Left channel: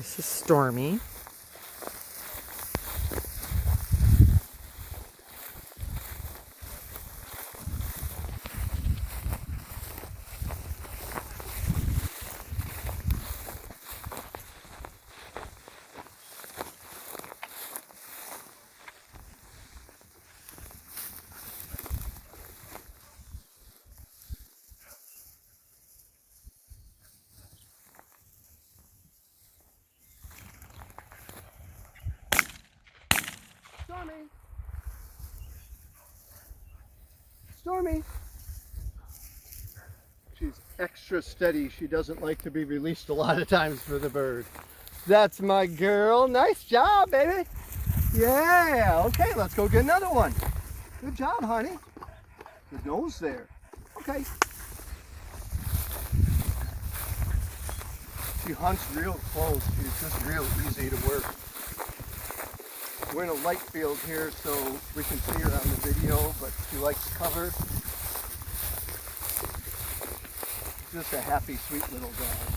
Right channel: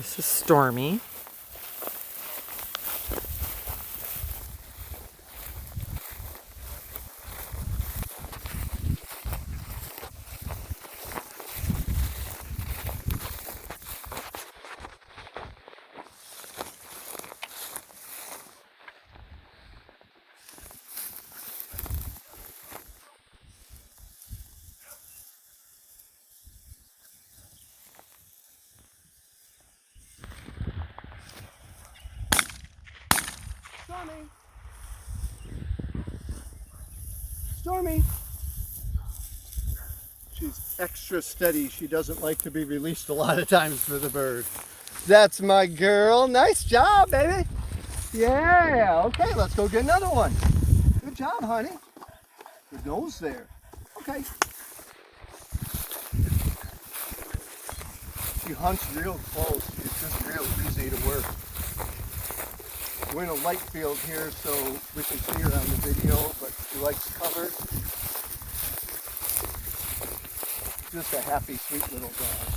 This is Stormy. Stormy! Stormy! She's extra steady. She doesn't like to be released a lot of times for the bird. That's my girl. Nice job, baby. Yeah, okay, let's go get another one. Good job, honey. The nose there. Okay. She hunts real close. She's just real easy to work. We're in a light field here, so we can see her on the video, but she likes cover. Just a happy, sweet little dog.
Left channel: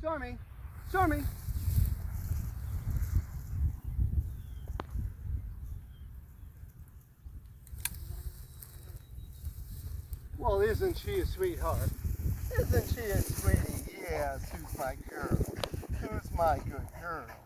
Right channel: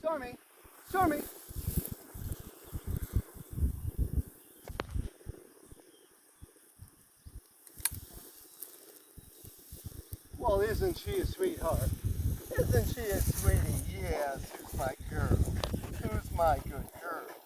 Stormy! Stormy! Well, isn't she a sweetheart? Isn't she a sweetie? Yes, who's my girl? Who's my good girl?